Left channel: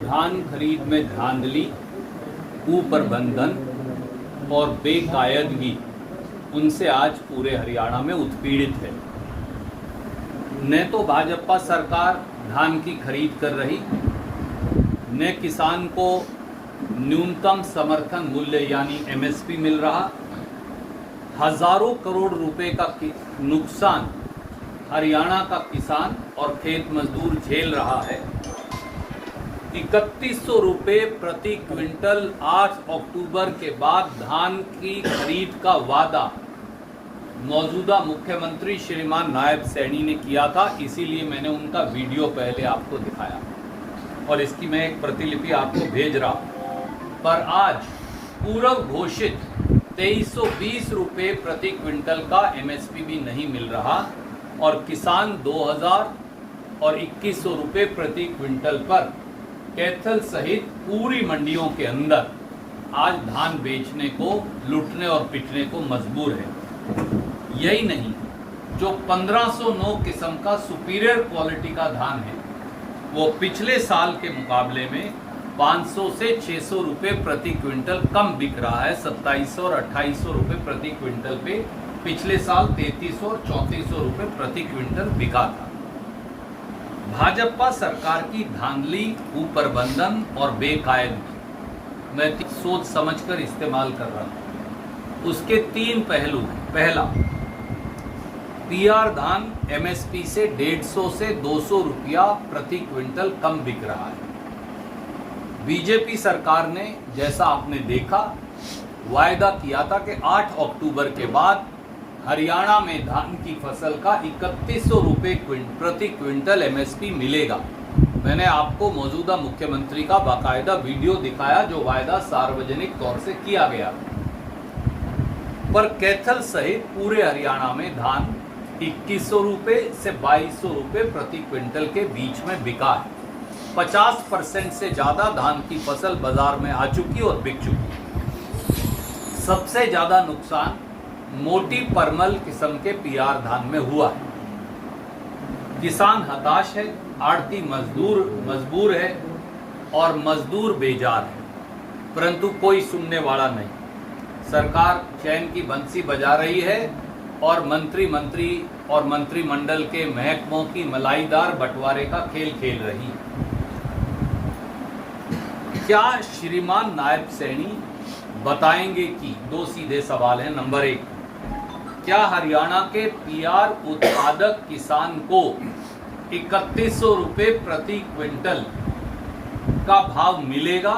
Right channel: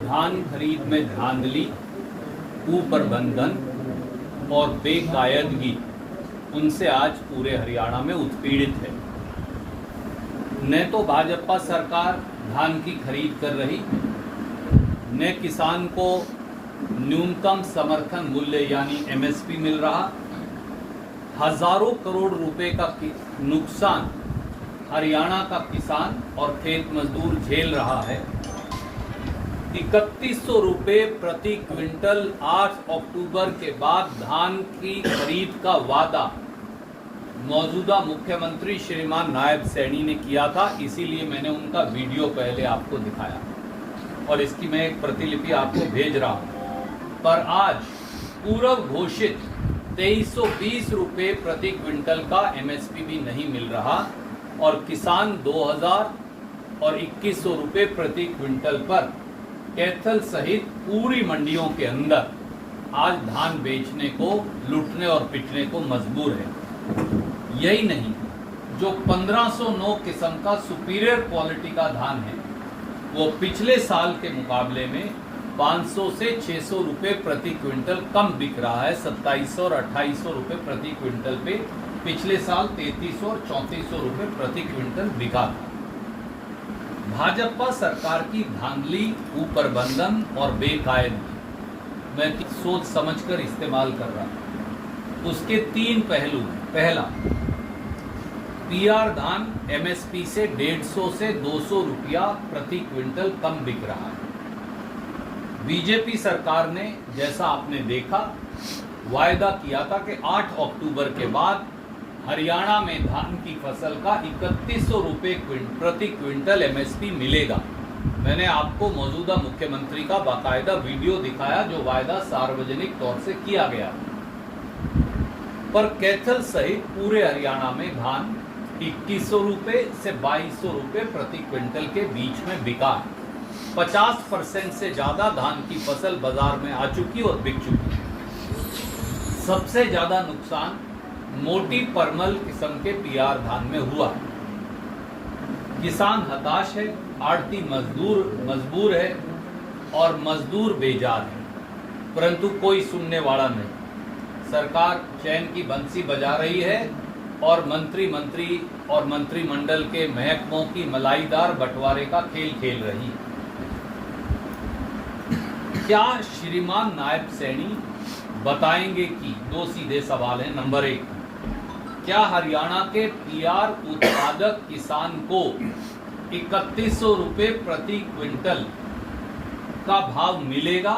धान खरीद में धांधली, कुप्रबंधन और बेकायदगी उनसे आज पूरे हरियाणा में उत्पीड़ित है। न तो भाजपा सरकार धान की खरीद कर रही, न किसान को न्यूनतम समर्थन मूल्य यानी एमएसपी मिल रहा। हजारों करोड़ रुपए का नुकसान हरियाणा का किसान और खेत मजदूर झेल रहा है। 3100 रुपये प्रति क्विंटल 8 अक्टूबर के बाद धान की खरीद का वादा मौजूदा मुख्यमंत्री श्रीमान नायब सैनी ने किया था, इसीलिए मैंने उनका वीडियो पहले आपको दिखाया और इसकी मैं एक प्रतिलिपि आपको भेज रहा हूं। पर आज पूर्व घोषित 2320 रुपये प्रति क्विंटल का एमएसपी भी नहीं मिल रहा और किसान 2000 और 2100 रुपये प्रति क्विंटल पर कैथल सहित पूरी मंडियों के अंदर आज धान बेचने को, लूटने और पिटने को मजबूर है। यही नहीं, जो 1509 किस्म का सुपीरियर क्वालिटी का धान है वो पिछले साल के मुकाबले में 500 से 600 रुपये प्रति क्विंटल कम बिक रहा है। 2700 और 2800 रुपये प्रति क्विंटल पे पिछले साल 3300 और 3400 रुपये प्रति क्विंटल बिका था। भाजपा सरकार की धांधली, कुप्रबंधन और बेकायदगी मैं सोच समझकर इस्तेमाल कर रहा हूं। उसके 3 पहलू हैं। पहला, पीआर धान एमएसपी से 150 से 200 रुपया प्रति क्विंटल कम बिक रहा है। बीजेपी सरकार ने, जैसा आपने देखा, वायदा किया था कि 8 अक्टूबर के बाद हरियाणा में धान की फसल का 3100 रुपये प्रति क्विंटल एमएसपी मिलेगा। मैंने आपको मौजूदा मुख्यमंत्री का बाकायदा वीडियो दिखाया जो वायदा सार्वजनिक तौर से किया गया। पर कैथल सहित पूरे हरियाणा में धान 2100 रुपये से 2200 रुपये प्रति क्विंटल के बीच में बिका है। 50% से ज्यादा धान की फसल बाजार में आ चुकी और बिक चुकी। सबसे ज्यादा नुकसान मोटी परमल किस्म के पीआर धान में हुआ है। किसान हताश है, आड़ती मजबूर है और मजदूर बेजार है, परंतु कोई सुनने वाला नहीं। सरकार चैन की बंसी बजा रही है और मंत्री और मंत्रिमंडल के महकमों की मलाईदार बंटवारे का खेल खेल रही है। क्या श्रीमान नायब सैनी बताएंगे कि 2 सीधे सवाल हैं। नंबर 1, क्या हरियाणा के पीआर उत्पादक किसान को 3100 रुपये प्रति क्विंटल का भाव मिलेगा,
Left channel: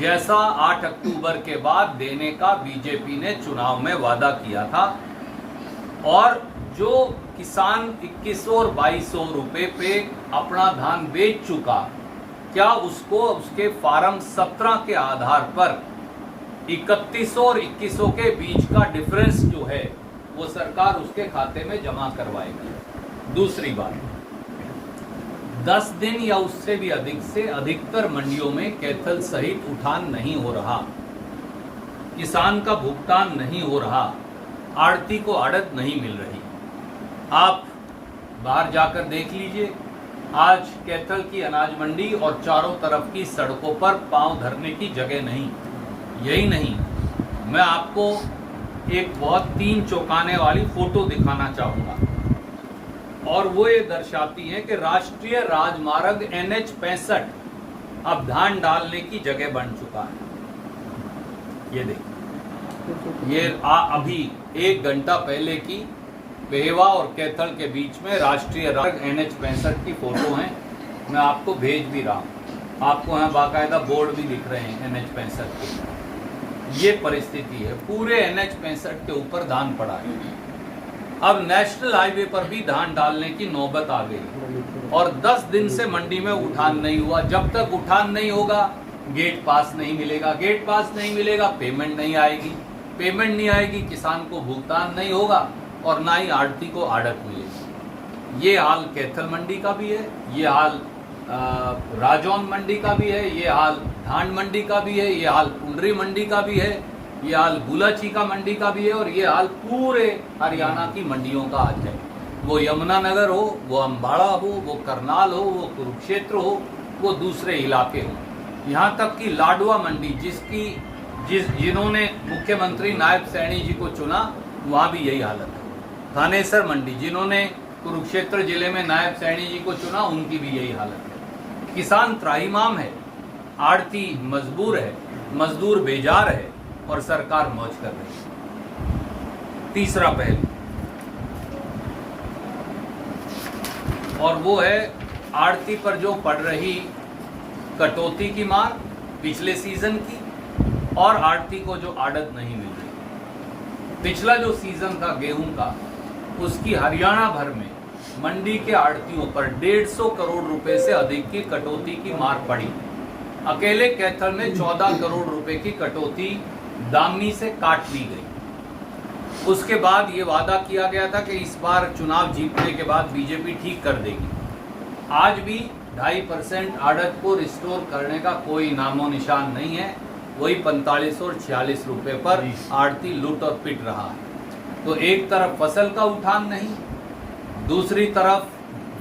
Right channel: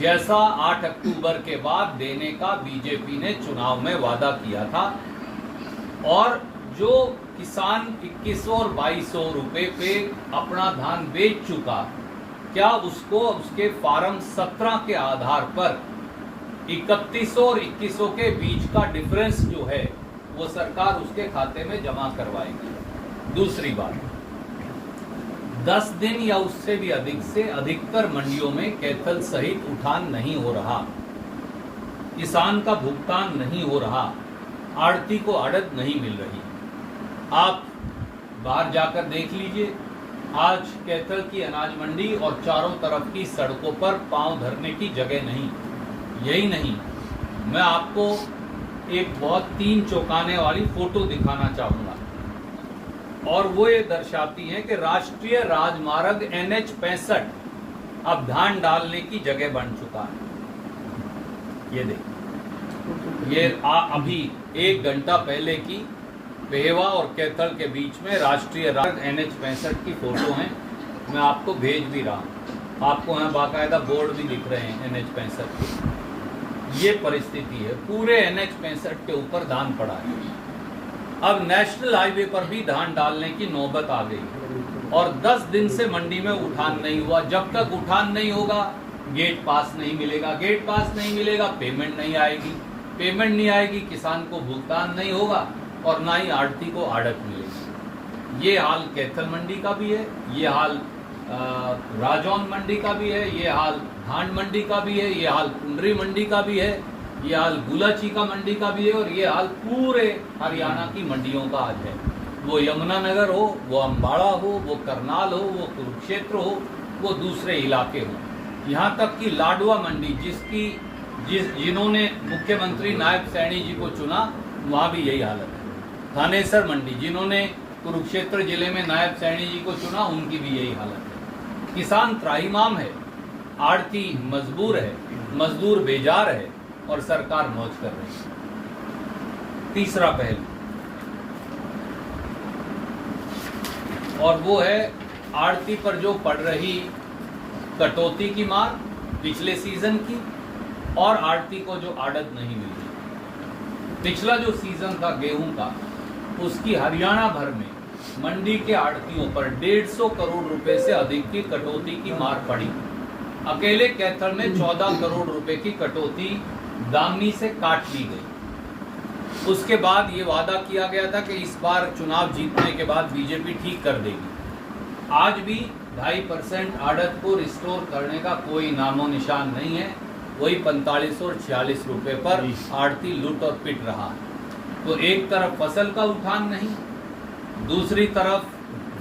जैसा 8 अक्टूबर के बाद देने का बीजेपी ने चुनाव में वादा किया था? और जो किसान 2100 और 2200 रुपये पे अपना धान बेच चुका, क्या उसको उसके फार्म 17 के आधार पर 3100 और 2100 के बीच का डिफरेंस जो है वो सरकार उसके खाते में जमा करवाएगी? दूसरी बात, 10 दिन या उससे भी अधिक से अधिकतर मंडियों में कैथल सहित उठान नहीं हो रहा, किसान का भुगतान नहीं हो रहा, आड़ती को आड़त नहीं मिल रही। आप बाहर जाकर देख लीजिए, आज कैथल की अनाज मंडी और चारों तरफ की सड़कों पर पांव धरने की जगह नहीं। यही नहीं, मैं आपको एक बहुत 3 चौंकाने वाली फोटो दिखाना चाहूंगा और वो ये दर्शाती है कि राष्ट्रीय राजमार्ग NH 65 अब धान डालने की जगह बन चुका है। ये देखिए, ये अभी 1 घंटा पहले की पेहवा और कैथल के बीच में राष्ट्रीय राजमार्ग NH 65 की फोटो है। मैं आपको भेज भी रहा हूं। आपको यहाँ बाकायदा बोर्ड भी दिख रहे हैं NH 65 के। ये परिस्थिति है, पूरे NH 65 के ऊपर धान पड़ा है। अब नेशनल हाईवे पर भी धान डालने की नौबत आ गई और 10 दिन से मंडी में उठान नहीं हुआ। जब तक उठान नहीं होगा गेट पास नहीं मिलेगा, गेट पास नहीं मिलेगा पेमेंट नहीं आएगी, पेमेंट नहीं आएगी किसान को भुगतान नहीं होगा और ना ही आड़ती को आड़त मिलेगी। ये हाल कैथल मंडी का भी है, ये हाल राजौन मंडी का भी है, ये हाल धान मंडी का भी है, ये हाल कुंडरी मंडी का भी है, ये हाल गुलाचीका मंडी का भी है और ये हाल पूरे हरियाणा की मंडियों का आज है। वो यमुनानगर हो, वो अम्बाड़ा हो, वो करनाल हो, वो कुरुक्षेत्र हो, वो दूसरे इलाके हों। यहाँ तक कि लाडवा मंडी जिन्होंने मुख्यमंत्री नायब सैनी जी को चुना, वहाँ भी यही हालत है। थानेसर मंडी जिन्होंने कुरुक्षेत्र जिले में नायब सैनी जी को चुना, उनकी भी यही हालत है। किसान त्राहिमाम है, आड़ती मजबूर है, मजदूर बेजार है और सरकार मौज कर रही है। तीसरा पहलू और वो है आड़ती पर जो पड़ रही कटौती की मार पिछले सीजन की, और आड़ती को जो आड़त नहीं मिली। पिछला जो सीजन था गेहूं का, उसकी हरियाणा भर में मंडी के आड़तियों पर 150 करोड़ रुपए से अधिक की कटौती की मार पड़ी। अकेले कैथल में 14 करोड़ रुपए की कटौती दामनी से काट ली गई। उसके बाद ये वादा किया गया था कि इस बार चुनाव जीतने के बाद बीजेपी ठीक कर देगी। आज भी 2.5% आड़त को रिस्टोर करने का कोई नामो निशान नहीं है। वही 45 और 46 रुपए पर आड़ती लूट और पिट रहा है। तो एक तरफ फसल का उठान नहीं, दूसरी तरफ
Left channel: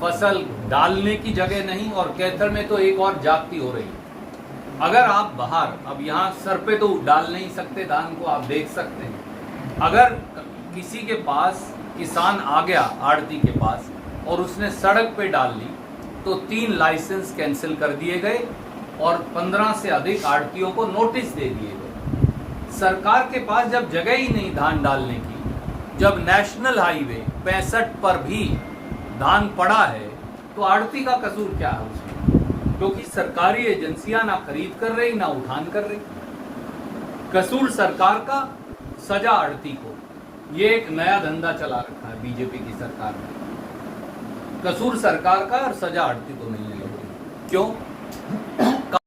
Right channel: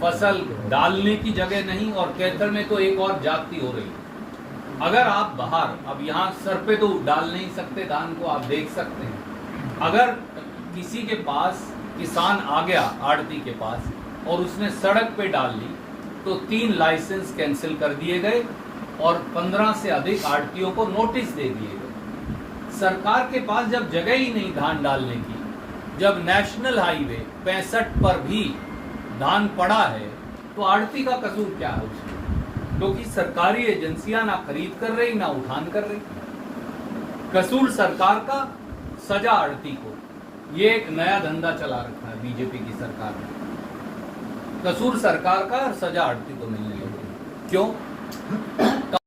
फसल डालने की जगह नहीं, और कैथल में तो एक और जागती हो रही है। अगर आप बाहर, अब यहाँ सर पे तो डाल नहीं सकते धान को, आप देख सकते हैं। अगर किसी के पास किसान आ गया आड़ती के पास और उसने सड़क पे डाल ली, तो 3 लाइसेंस कैंसिल कर दिए गए और 15 से अधिक आड़तियों को नोटिस दे दिए गए। सरकार के पास जब जगह ही नहीं धान डालने की, जब नेशनल हाईवे 65 पर भी धान पड़ा है, तो आड़ती का कसूर क्या है उसमें? क्योंकि सरकारी एजेंसियां ना खरीद कर रही, ना उठान कर रही। कसूर सरकार का, सजा आड़ती को। ये एक नया धंधा चला रखा है बीजेपी की सरकार ने। कसूर सरकार का और सजा आड़ती को मिलने लगी। क्यों?